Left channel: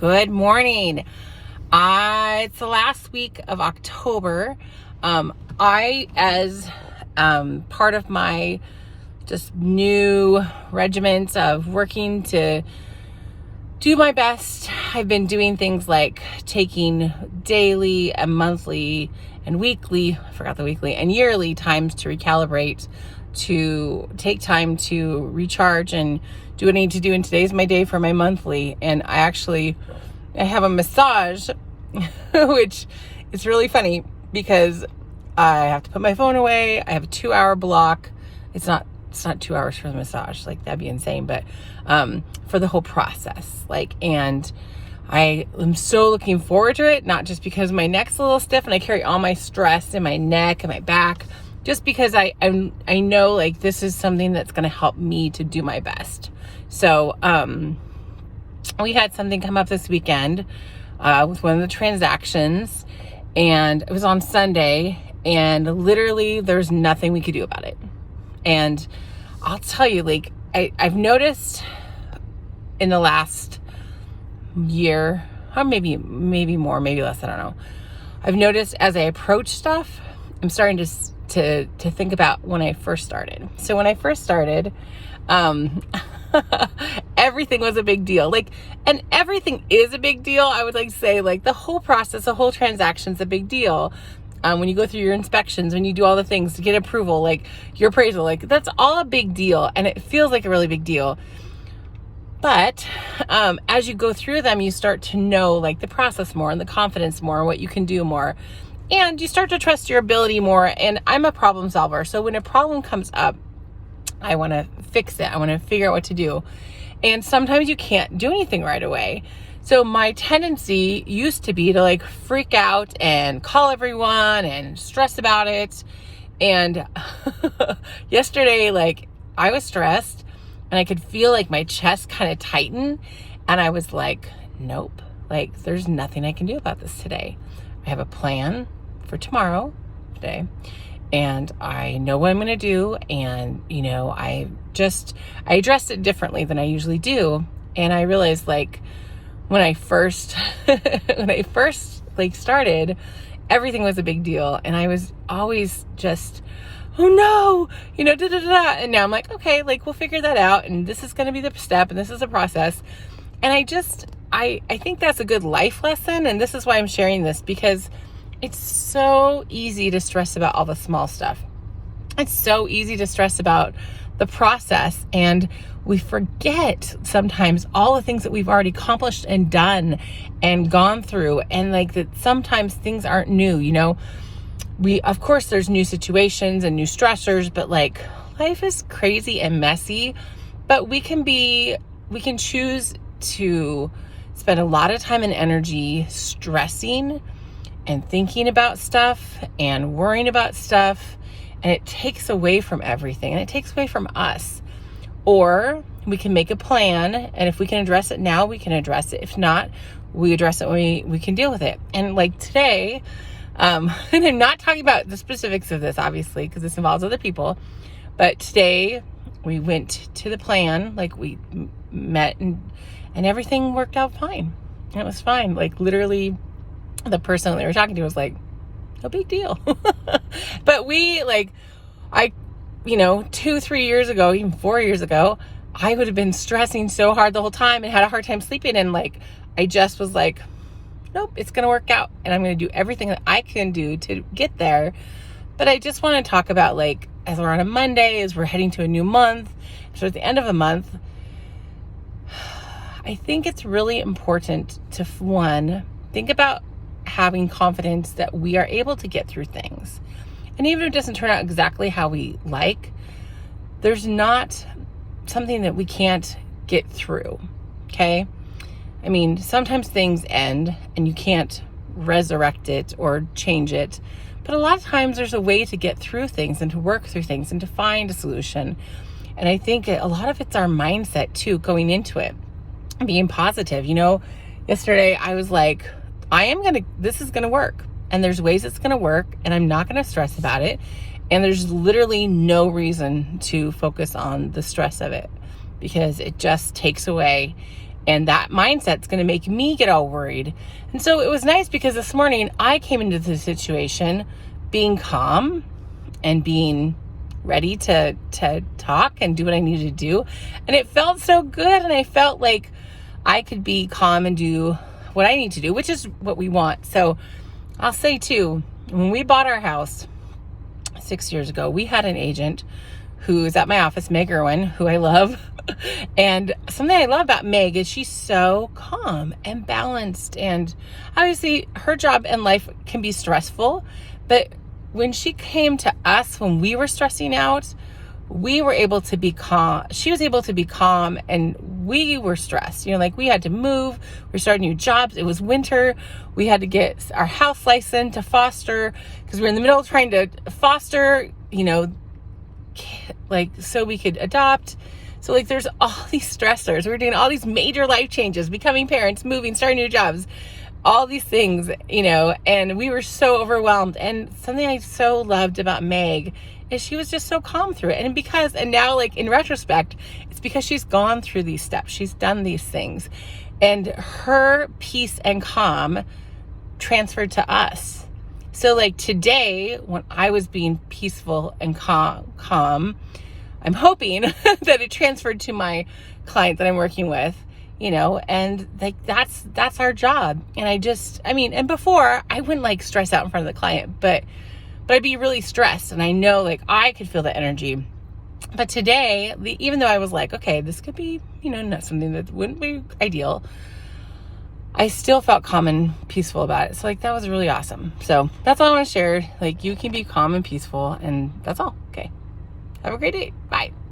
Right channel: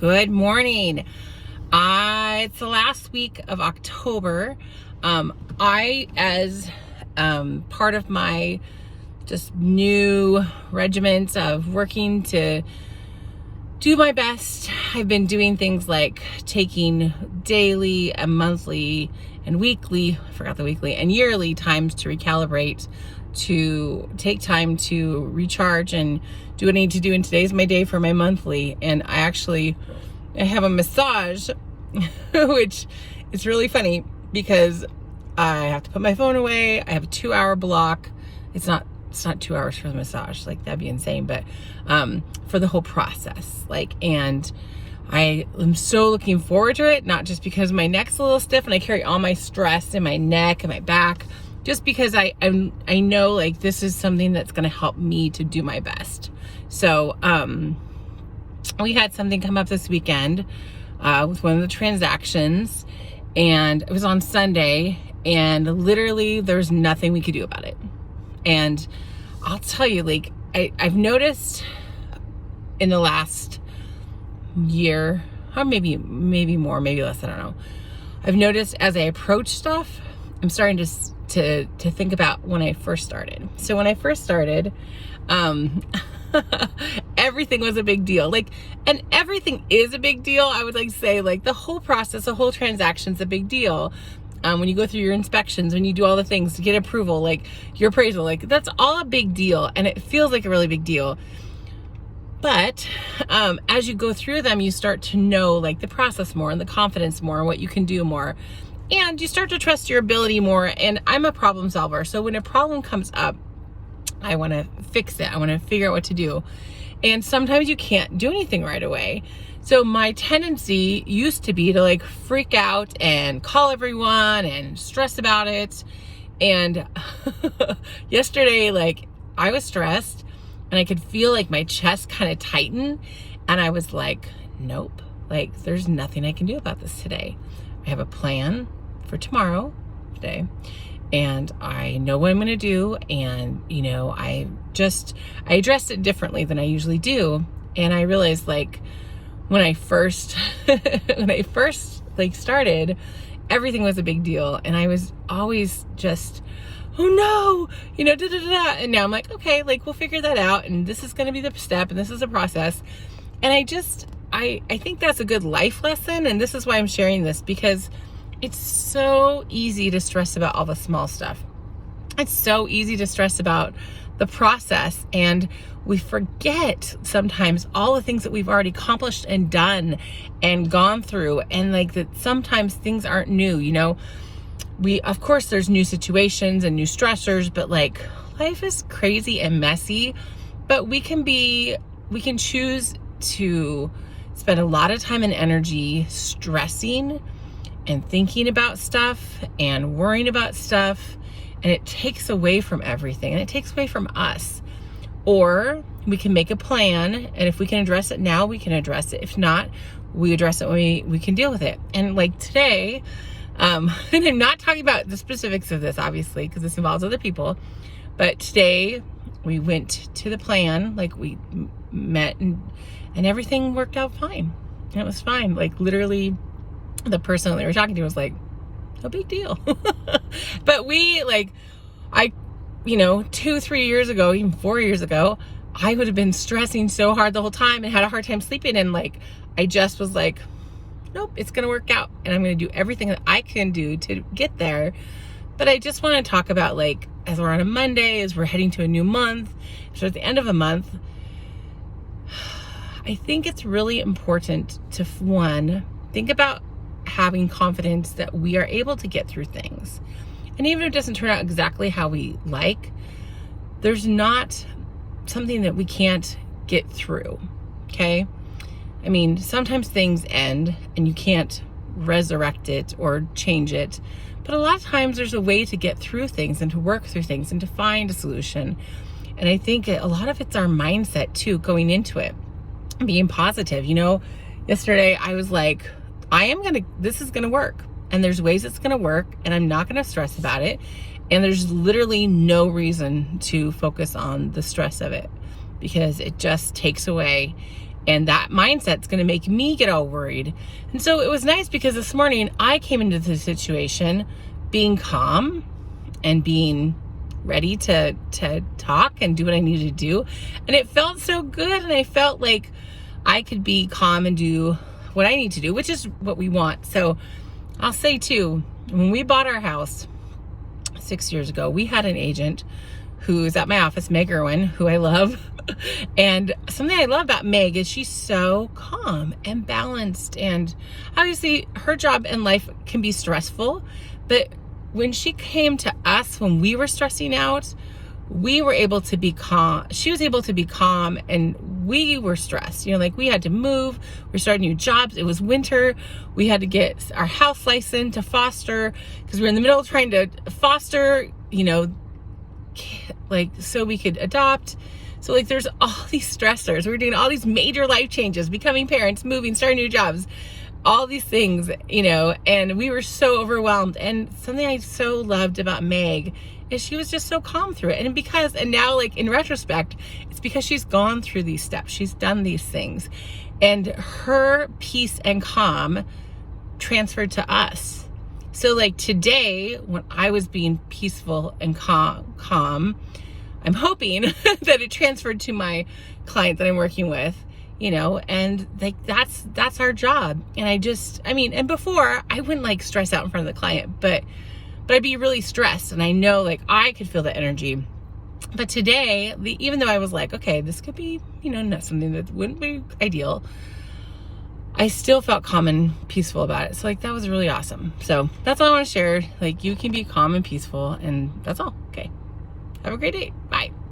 Good morning. It's the last week of October. As part of my just new regiment of working to do my best, I've been doing things like taking daily and monthly and weekly, I forgot the weekly, and yearly times to recalibrate, to take time to recharge and do what I need to do. And today's my day for my monthly. And I have a massage, which is really funny because I have to put my phone away. I have a 2-hour block. It's not 2 hours for the massage, like that'd be insane, but for the whole process, and I am so looking forward to it, not just because my neck's a little stiff and I carry all my stress in my neck and my back, just because I know like this is something that's going to help me to do my best. So we had something come up this weekend with one of the transactions, and it was on Sunday, and literally there's nothing we could do about it. And I'll tell you, like, I've noticed in the last year, or maybe more, maybe less, I don't know. I've noticed as I approach stuff, I'm starting to think about when I first started. So when I first started, everything was a big deal. And everything is a big deal. I would say the whole process, the whole transaction's a big deal. When you go through your inspections, when you do all the things to get approval, your appraisal, that's all a big deal, and it feels like a really big deal. But as you go through them, you start to know the process more and the confidence more, what you can do more, and you start to trust your ability more. And I'm a problem solver, so when a problem comes up, I want to fix it. I want to figure out what to do. And sometimes you can't do anything right away. So my tendency used to be to freak out and call everyone and stress about it. And yesterday, I was stressed and I could feel my chest kind of tighten. And I was like, nope, there's nothing I can do about this today. I have a plan for today, and I know what I'm going to do. And, I addressed it differently than I usually do. And I realized when I first started, everything was a big deal, and I was always just, oh no, and now I'm like, okay, we'll figure that out, and this is going to be the step, and this is the process. And I think that's a good life lesson, and this is why I'm sharing this, because it's so easy to stress about all the small stuff. It's so easy to stress about the process, and we forget sometimes all the things that we've already accomplished and done and gone through, and that sometimes things aren't new. Of course there's new situations and new stressors, but life is crazy and messy, but we can choose to spend a lot of time and energy stressing and thinking about stuff and worrying about stuff, and it takes away from everything, and it takes away from us. Or we can make a plan, and if we can address it now, we can address it. If not, we address it when we can deal with it. And today, and I'm not talking about the specifics of this, obviously, because this involves other people, but today we went to the plan, we met, and everything worked out fine. And it was fine. Literally, the person that they were talking to was no big deal. But 2-3 years ago, even 4 years ago, I would have been stressing so hard the whole time and had a hard time sleeping. And I just was nope, it's going to work out. And I'm going to do everything that I can do to get there. But I just want to talk about as we're on a Monday, as we're heading to a new month, so at the end of the month, I think it's really important to, one, think about having confidence that we are able to get through things. And even if it doesn't turn out exactly how we like, there's not something that we can't get through, okay? I mean, sometimes things end and you can't resurrect it or change it, but a lot of times there's a way to get through things and to work through things and to find a solution. And I think a lot of it's our mindset too, going into it, being positive. Yesterday I was this is gonna work. And there's ways it's going to work, and I'm not going to stress about it. And there's literally no reason to focus on the stress of it, because it just takes away And that mindset's going to make me get all worried. And so it was nice because this morning I came into the situation being calm and being ready to talk and do what I needed to do. And it felt so good. And I felt like I could be calm and do what I need to do, which is what we want. So I'll say too, when we bought our house 6 years ago, we had an agent who is at my office, Meg Irwin, who I love. And something I love about Meg is she's so calm and balanced. And obviously her job and life can be stressful, but when she came to us, when we were stressing out, we were able to be calm. She was able to be calm, and we were stressed. You know, like we had to move. We started new jobs. It was winter. We had to get our house license to foster because we're in the middle of trying to foster, you know, like so we could adopt. So like there's all these stressors. We're doing all these major life changes, becoming parents, moving, starting new jobs, all these things, you know, and we were so overwhelmed. And something I so loved about Meg is she was just so calm through it. And now like in retrospect, it's because she's gone through these steps. She's done these things, and her peace and calm transferred to us. So like today, when I was being peaceful and calm, I'm hoping that it transferred to my client that I'm working with, you know, and like that's our job. And and before I wouldn't like stress out in front of the client, but I'd be really stressed, and I know like I could feel the energy. But today, even though I was like, okay, this could be, you know, not something that wouldn't be ideal, I still felt calm and peaceful about it. So like that was really awesome. So that's all I want to share. Like you can be calm and peaceful, and that's all. Okay. Have a great day. Bye.